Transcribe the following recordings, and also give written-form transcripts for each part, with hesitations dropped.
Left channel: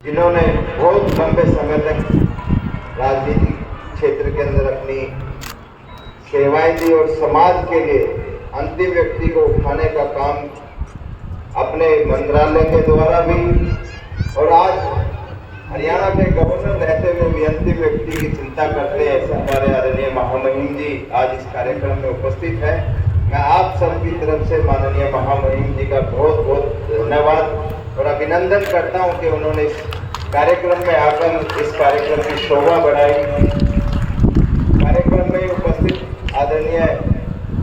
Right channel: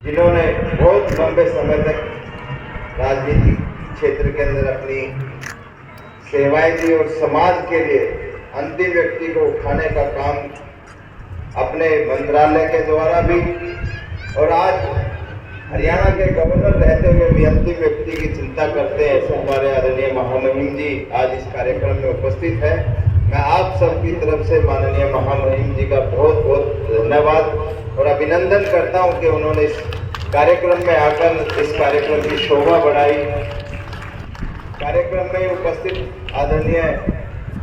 जिन्होंने बहुत लंबे समय तक राजनीतिक क्षेत्र के अंदर अपनी सेवाएं दी और समाज के लिए अंतिम व्यक्ति को उठाने का काम अपने मंत्रालय के द्वारा भी और आज हरियाणा के गवर्नर रहते हुए भी अंतिम व्यक्ति की चिंता करते हैं। हमारे आदरणीय महामहिम जी आज इस कार्यक्रम में उपस्थित है। मैं आप सबकी तरफ से माननीय महामहिम जी का बहुत बहुत धन्यवाद और अभिनंदन करता हूं कि उन्होंने इस कार्यक्रम में आकर इस कार्यक्रम की शोभा बढ़ाई। कार्यक्रम में उपस्थित आदरणीय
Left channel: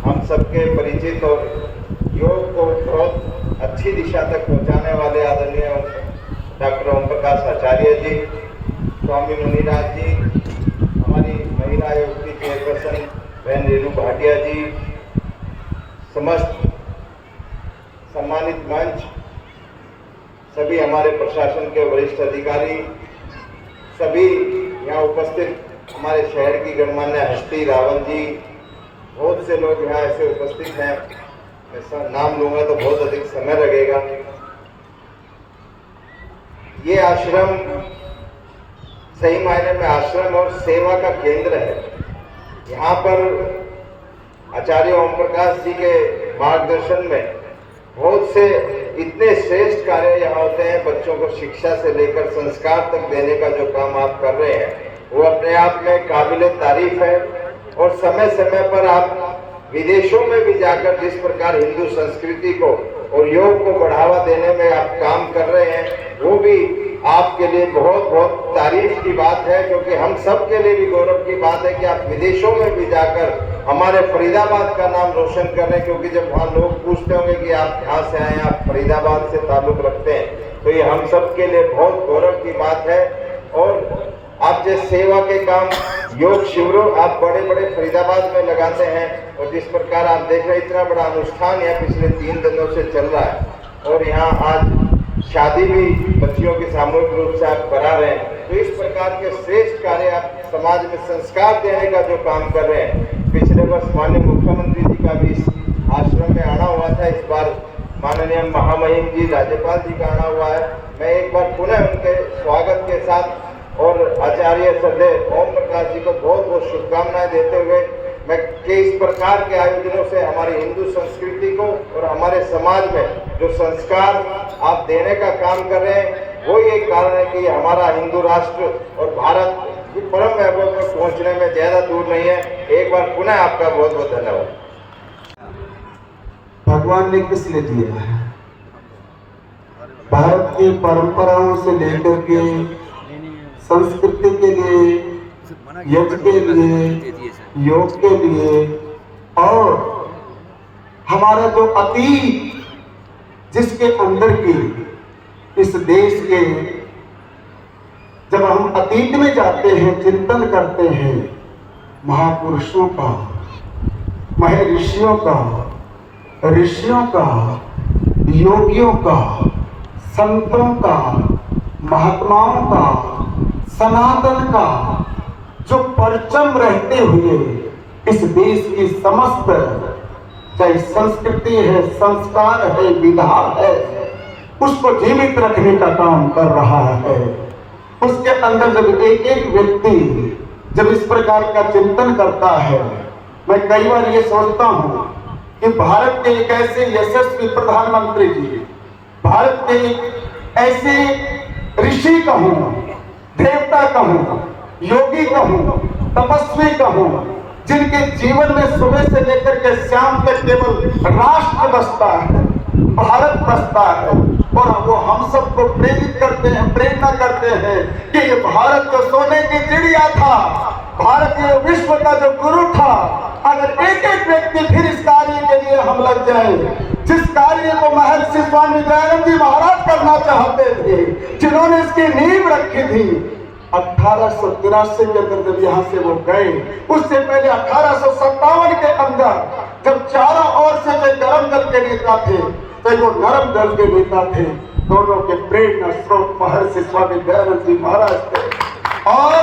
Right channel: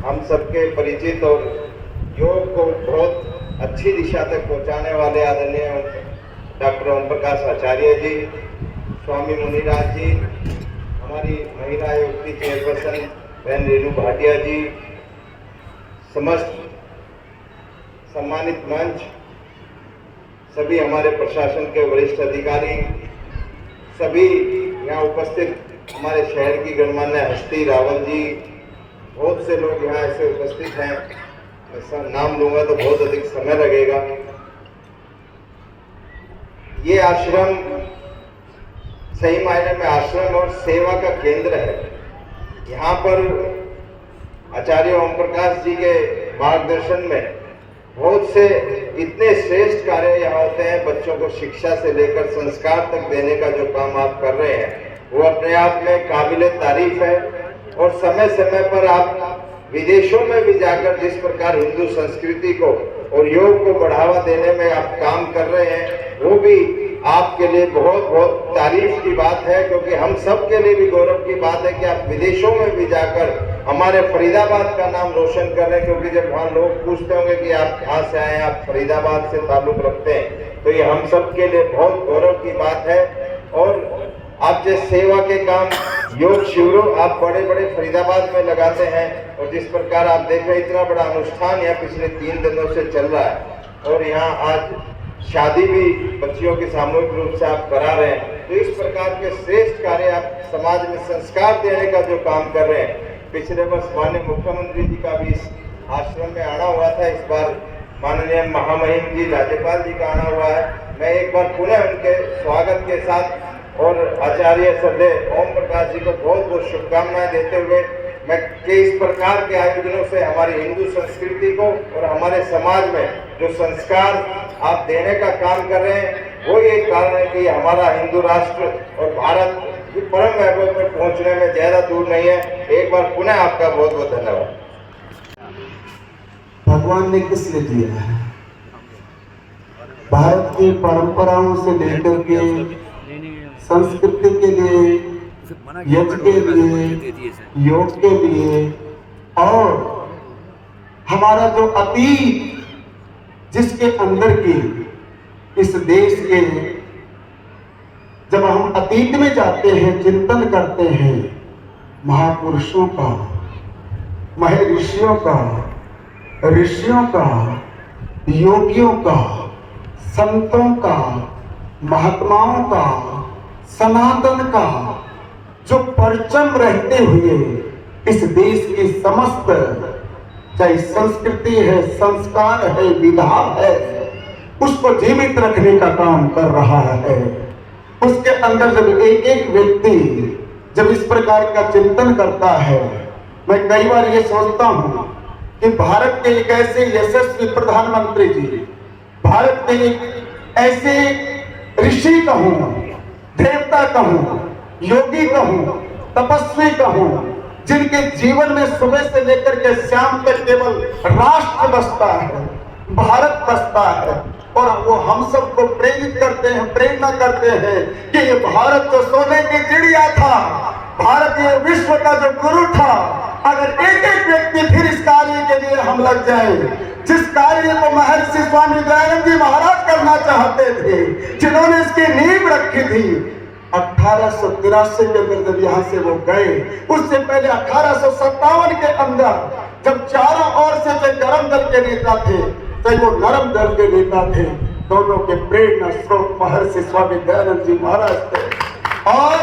हम सबके परिचित और योग को बहुत अच्छी दिशा तक पहुंचाने वाले आदरणीय डॉक्टर ओम प्रकाश आचार्य जी, स्वामी मुनिराज जी, हमारी महिला आयोग की चेयरपर्सन बहन रेणु भाटिया जी, समस्त सम्मानित मंच, सभी हमारे प्रशासन के वरिष्ठ अधिकारी, सभी यहाँ उपस्थित हमारे शहर की गणमान्य हस्ती रावल जी, बहुत से लोग यहाँ ऐसे उपस्थित हैं। मैं नाम लूंगा तो बहुत अधिक समय लगेगा। ये आश्रम सही मायने में आश्रम और सेवा का केंद्र है। यहाँ पर आचार्य ओम प्रकाश जी के मार्गदर्शन में बहुत से इतने श्रेष्ठ कार्य यहाँ होते हैं। बच्चों को शिक्षा से लेकर संस्कार तक देने का जो काम आप कर रहे हैं वो अपने आप में काबिले तारीफ है। और समय समय पर आप विदेशों में भी जाकर जिस प्रकार हिंदू संस्कृति को और योग को बढ़ावा देने में आप काम कर रहे हैं वो भी आपके लिए बहुत बहुत तारीफ की बात है, क्योंकि हम सब के लिए भी गौरव की बात है कि आप विदेशों में भी जाकर हमारे फरीदाबाद का नाम रोशन कर रहे हैं। क्योंकि जब वहाँ लोग पूछते होंगे कि आप कहाँ से आए हैं, आप फरीदाबाद से ताल्लुक रखते हैं, तो ये हम सब के लिए बहुत गौरव की बात है। और आप जिस सेवा के काम योग शिविरों आप बड़े बड़े फरीदाबाद में लगाते हैं और जिस प्रकार आप देख रहे हैं इतना बड़ा अनुष्ठान यहाँ पिछले 3 दिनों से चल रहा है और यहाँ आज शादी भी बच्चियों के सामूहिक रूप से आप करा रहे हैं, तो इस प्रकार के श्रेष्ठ कार्य आप समाज में संस्कार देने का जो काम कर रहे हैं। पिछले वर्ष माननीय मुख्यमंत्री जी का भी इस आश्रम में आना हुआ था, इस बार माननीय महामहिम जी राज्यपाल जी का आना हुआ है। मैं एक बार पुनः उनके स्वागत के साथ और आचार्य सदैव ओम प्रकाश जी को बहुत बहुत शुभकामनाएं देते हुए मैं कि इस प्रकार के आयोजनों से हमारी हिंदू संस्कृति को और हमारे समाज में जो संस्कार आप देने का काम कर रहे हैं वो ये कारण है कि हमारा हिंदू राष्ट्र और भारत की परम वैभव पर पहुंचने में ज्यादा दूर नहीं है। एक बार पुनः आपका बहुत बहुत धन्यवाद। भगवान ने किस लिए दिया है? भारत की परंपराओं से लेकर के संस्कृति के लिए, यज्ञ के लिए, योग के लिए और हमारा जो अतीत जिसके अंदर की इस देश के जब हम अतीत में जाते हैं, चिंतन करते हैं महापुरुषों का, महर्षियों का, ऋषियों का, योगियों का, संतों का, महात्माओं का, सनातन का जो परचम रहते हुए इस देश की समस्त चाहे संस्कृति है, संस्कार है, विधा है, उसको जीवित रखने का काम कर रहा है। उसके अंदर जब एक एक व्यक्ति जब इस प्रकार का चिंतन करता है, मैं कई बार ये सोचता हूं कि भारत के एक ऐसे यशस्वी प्रधानमंत्री जी, भारत के एक ऐसे ऋषि कहूं, देवता कहूं, योगी कहूं, तपस्वी कहूं, जिनके जीवन में सुबह से लेकर के शाम तक केवल राष्ट्र बसता है, भारत बसता है और वो हम सबको प्रेरित करते हैं, प्रेरणा करते हैं कि ये भारत जो सोने की चिड़िया था, भारतीय विश्व का जो गुरु था, अगर एक एक व्यक्ति फिर इस कार्य के लिए हम लग जाए, जिस कार्य को महर्षि स्वामी दयानंद जी महाराज करना चाहते थे, जिन्होंने इसकी नींव रखी थी 1883 के अंदर जब यहाँ से वो गए, उससे पहले 1857 के अंदर जब चारों ओर से वे गर्म दल के नेता थे तो वो नरम दल के नेता थे, दोनों के प्रेरणा स्रोत महर्षि स्वामी दयानंद जी महाराज थे। और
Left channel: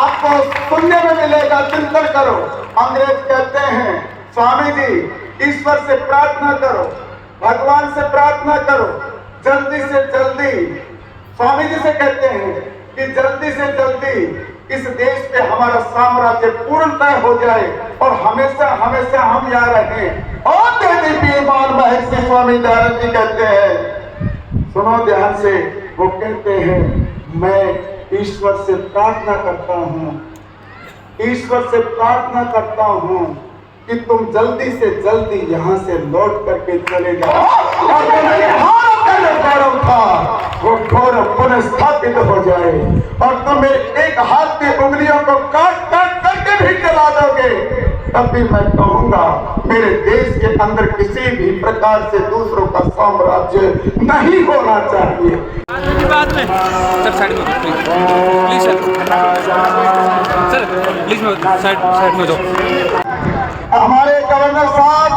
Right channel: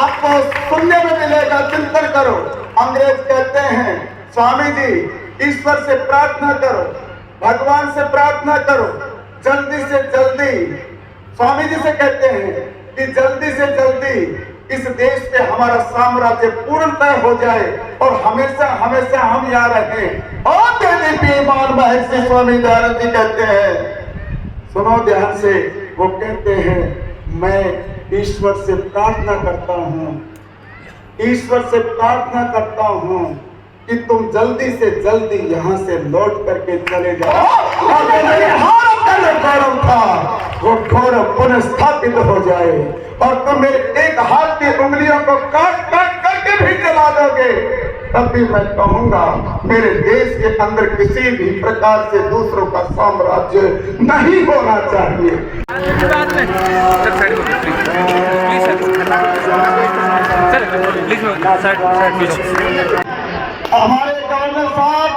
आपको सुनने में मिलेगा, चिंतन करो, अंग्रेज कहते हैं स्वामी जी ईश्वर से प्रार्थना करो, भगवान से प्रार्थना करो, जल्दी से जल्दी स्वामी जी से कहते हैं कि जल्दी से जल्दी इस देश पे हमारा साम्राज्य पूर्णतः हो जाए और हमेशा हमेशा हम यहाँ रहें। और बेमान महर्षि स्वामी दयानंद जी कहते हैं, सुनो ध्यान से, वो कहते हैं मैं ईश्वर से प्रार्थना करता हूँ, ईश्वर से प्रार्थना करता हूँ कि तुम जल्दी से जल्दी यहाँ से लौट करके चले जाओ। गौरव था वो गौरव पुनः स्थापित हो जाए और तुम मेरे एक हाथ की उंगलियों को काट काट करके भी जला दोगे, तब भी मैं कहूंगा मेरे देश के अंदर किसी भी प्रकार से दूसरों का साम्राज्य नहीं होना चाहिए। हमारे गवर्नर साहब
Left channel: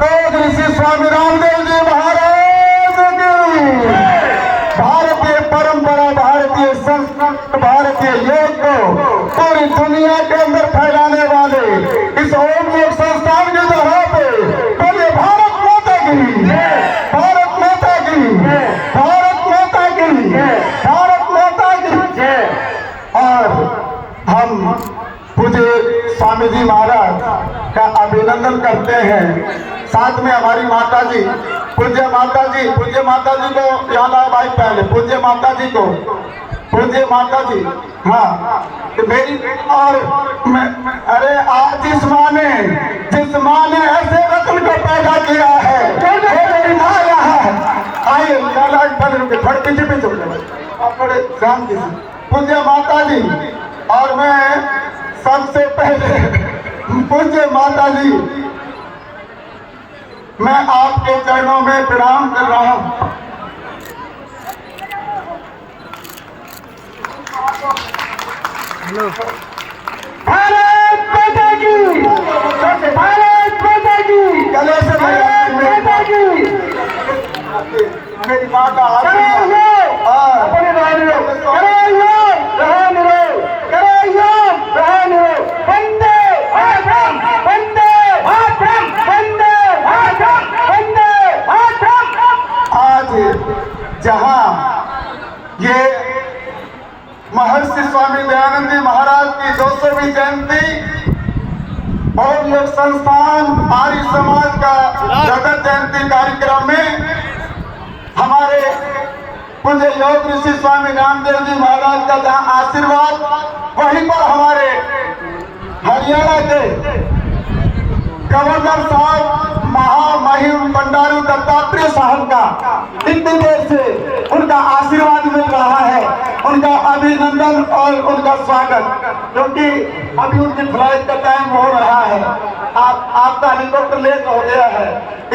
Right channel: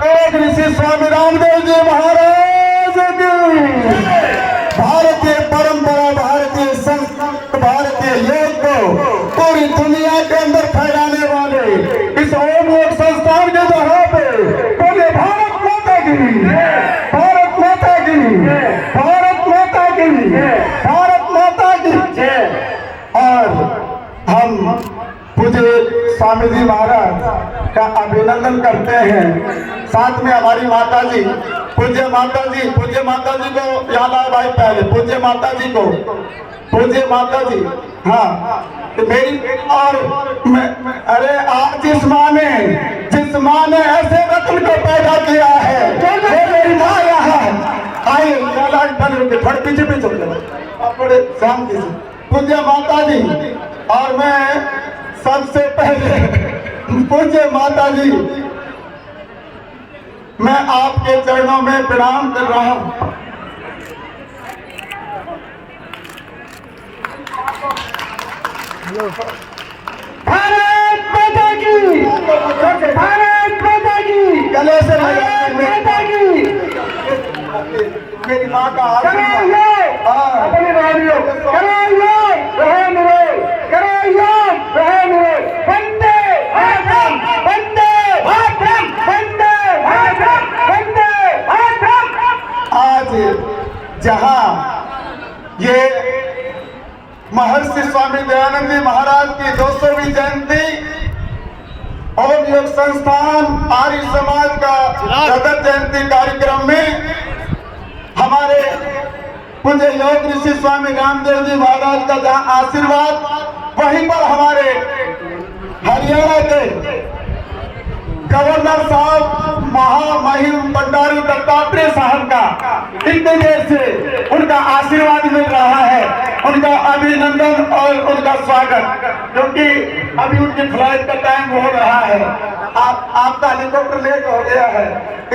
और ऋषि स्वामी रामदेव जी महाराज की भारतीय परंपरा, भारतीय संस्कृति, भारतीय योग को पूरी दुनिया के अंदर फैलाने वाले इस ओम योग संस्थान के जगह पे बोले भारत माता की, भारत माता की, भारत माता की, भारत माता की। और हम पूज्य स्वामी जी महाराज का अभिनंदन करते हैं। साथ में हमारी माता जी, पूज्य माता जी को याद आए भाई, पहले पूज्य माता जी को, पूज्य माता जी, हाँ कि मेरी और मैं अरे आज जिस माँ ने ऐसे रत्न को पैदा किया है, मेरी माँ यहाँ आइए, थोड़े पीछे थोड़े शांति से, पूज्य माता जी। और मैं सबसे पहले पूज्य माता जी, मैं आपके चरणों में प्रणाम कर रहा हूं। भारत माता की, भारत माता की, गले से माता की, मेरी माँ का जहां ये महर्षि स्वामी दयानंद जी महाराज की 200वीं जयंती और योग संस्थान आर्य समाज का जगत जयंती कार्यक्रम में हमारे पूज्य योग ऋषि स्वामी रामदेव जी महाराज का जहां आशीर्वाद, वहीं पर हमारे हरियाणा के गवर्नर साहब महामहिम बंडारू दत्तात्रेय साहब का इतने देर से उनका आशीर्वाद मिल रहा है, उनका अभिनंदन और उनका स्वागत, क्योंकि अभी उनकी फ्लाइट का टाइम हो रहा है। आपका हेलीकॉप्टर लेट हो गया है,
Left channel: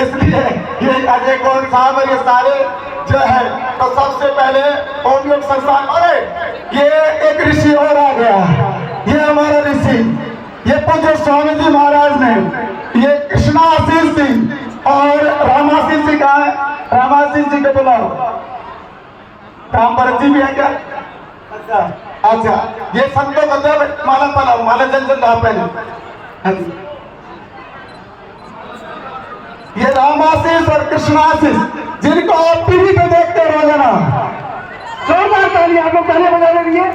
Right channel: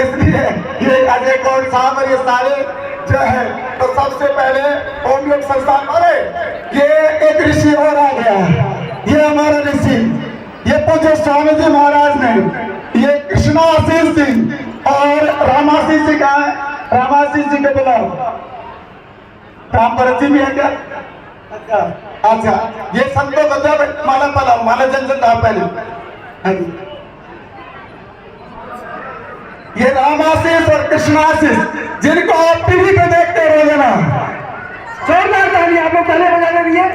इसलिए ये अजय गौड़ साहब और ये सारे जो है, तो सबसे पहले ओम योग संस्थान, अरे ये एक ऋषि और आ गया, ये हमारा ऋषि, ये पूज्य स्वामी जी महाराज ने, ये कृष्णा आशीष सिंह और रामाशीष जी का, रामाशीष जी के बुलाओ, रामभरत जी भी है क्या? अच्छा, ये सबको बताओ, माला पलाओ, माला जन लाओ पहले। ये रामाशीष और कृष्णाशीष जिनको आप टीवी पे देखते हो रोजाना, जोरदार ताली आप लोग ताली बजा रही है।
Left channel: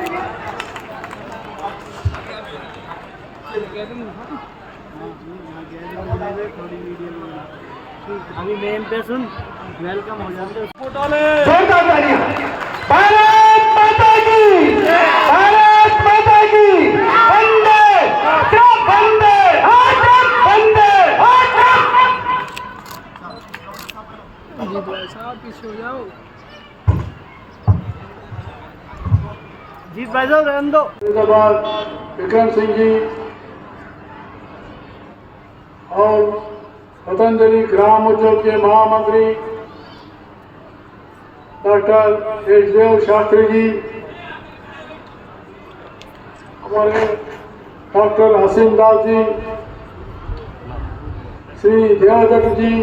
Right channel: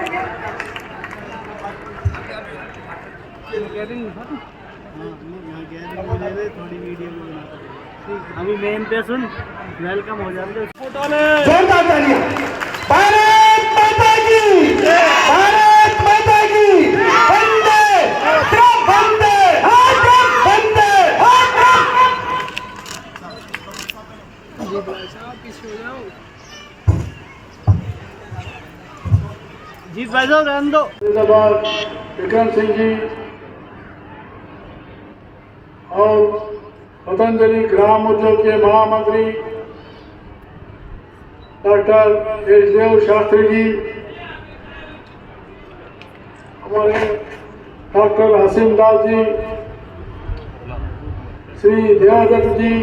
अभी मेन पे सुन, वेलकम हो जाते फोटो ले, जोरदार ताली। भारत माता की, भारत माता की, वंदे वंदे वंदे। जी बैठो, रहने दो। विक्रम सिंह जी और पतंजलि ग्राम उद्योग के महामंत्री डॉक्टर यशदेव शास्त्री जी, हमारे डॉक्टर हसीम दास जी, श्री देवादत्त जी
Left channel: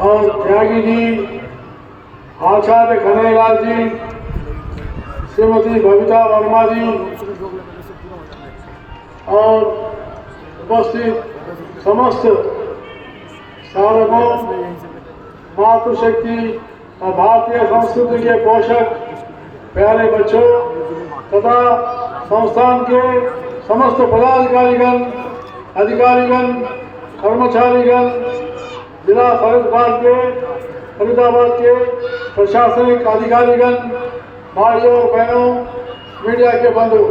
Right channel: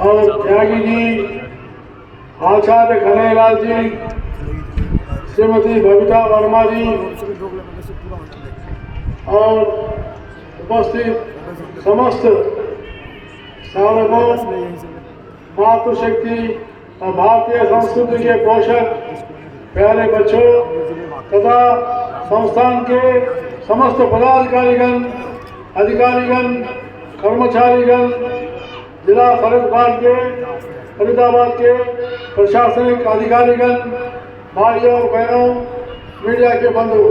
और त्यागी जी, आचार्य खनेलाल जी, श्रीमती बबीता वर्मा जी और उपस्थित समस्त सार्वभौम मातृशक्ति और भारतीय संस्कृति के पोषक प्यारे बच्चों तथा संस्थान के समस्त पदाधिकारीगण, अधिकारीगण, कर्मचारीगण, जिला फरीदाबाद के प्रशासनिक अधिकारीगण, भाइयों और बहनों, मीडिया के बंधु,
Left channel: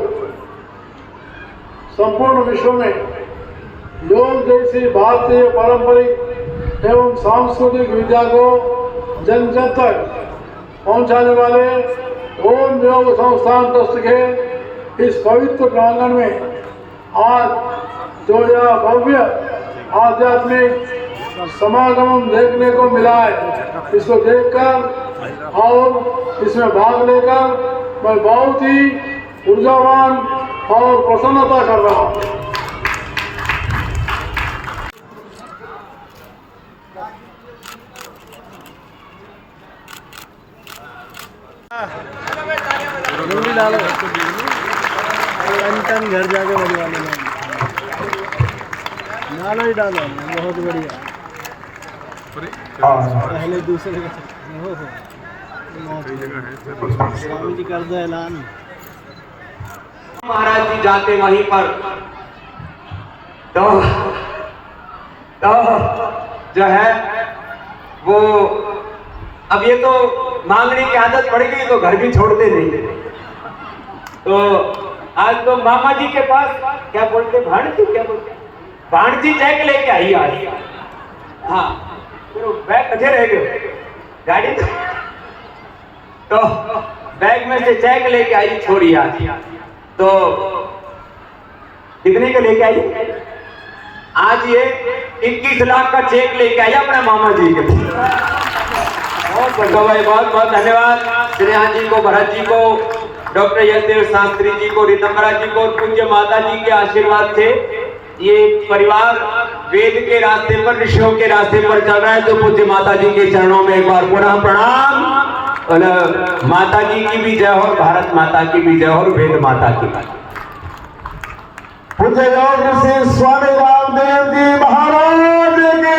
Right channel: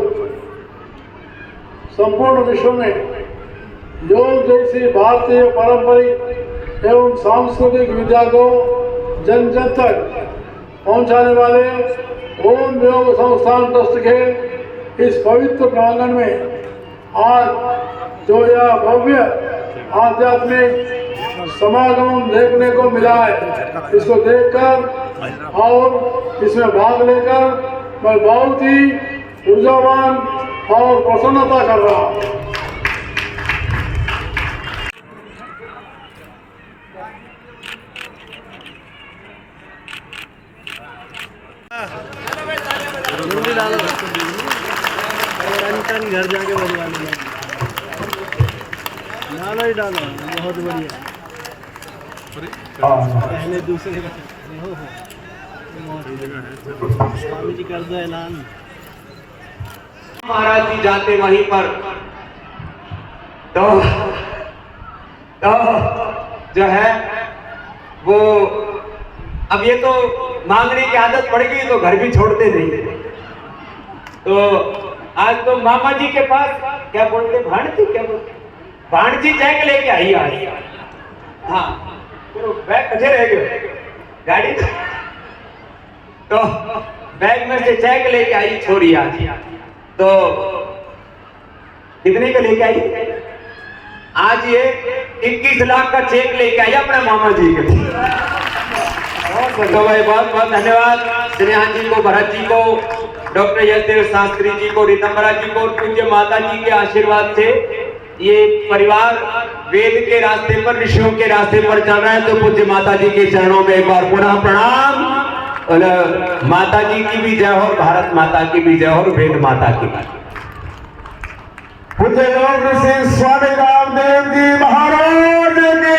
संपूर्ण विश्व में योग जैसी भारतीय पारंपरिक एवं सांस्कृतिक विद्या को जन जन तक पहुंचाने वाले ओम योग संस्थान ट्रस्ट के इस पवित्र प्रांगण में आज जो यह भव्य आध्यात्मिक समागम देखने को मिला है, इसको देखकर और इसमें भाग लेकर मैं बहुत ही ऊर्जावान और प्रसन्नता कर रहा हूँ। जल्दी डालो अंतन घर जाके बजवा लेना। डालो ही डालो, बहुत बढ़िया। पहले दूसरे का स्वामी जी कर दो ऐलान। महाराज जी जाते वहीं पर तो जो है वो अब ये तो मांगने की आदत पड़ गई तो घर भी छोड़ते नहीं। तो आज तो मामा जी के पास क्या बोलते, भाणजी क्या बोलते, भाणजी चेक लेके आई आज। हाँ तो बैग कटे रह गए गाड़ी तो बैग में से चेक लेके आई छोरी आज। तो कितने का लेके आई? आज ये 21 लाख का चेक लेके आई अपने मामा जी के। तो भाई बहुत बहुत धन्यवाद श्रेयान जी को, भरत जी को, डॉक्टर यशदेव शास्त्री जी को, रितंबरा जी को, पूज्य माता जी के आशीर्वाद से ये परिवार वेद के रास्ते पर, ऋषियों के रास्ते पर चल रहा है। तो पूज्य माता जी के चरणों में एक बार पुनः प्रणाम। और माता जी की भी जय हो, भारत माता की भी जय हो, वेद माता की। पूज्य योग ऋषि स्वामी रामदेव जी महाराज की,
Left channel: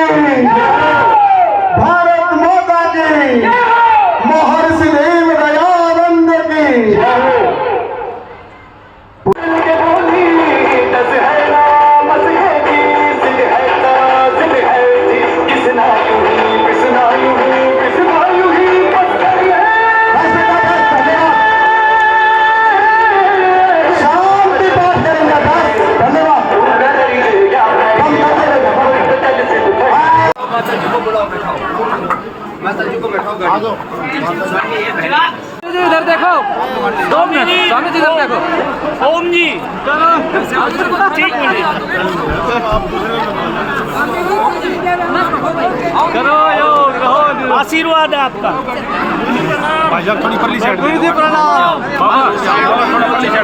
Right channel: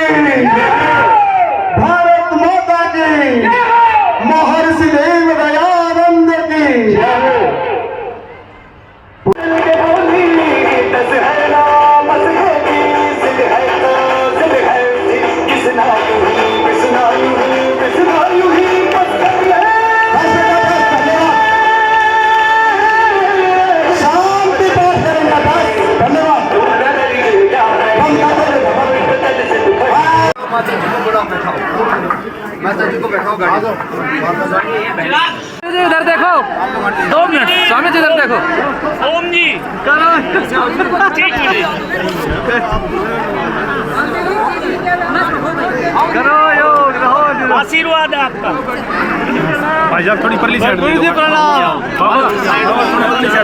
भारत माता की, महर्षि देव दयानंद की। माता जी को बुलाओ, बैठाओ, माता जी को बैठाओ गाड़ी में। इधर देखो, 2 मिनट स्वामी जी इधर देखो। ओम जी करो योग, रहो आशीर्वाद है आपका। थोड़ी परली साइड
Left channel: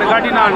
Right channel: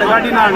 गाड़ी ना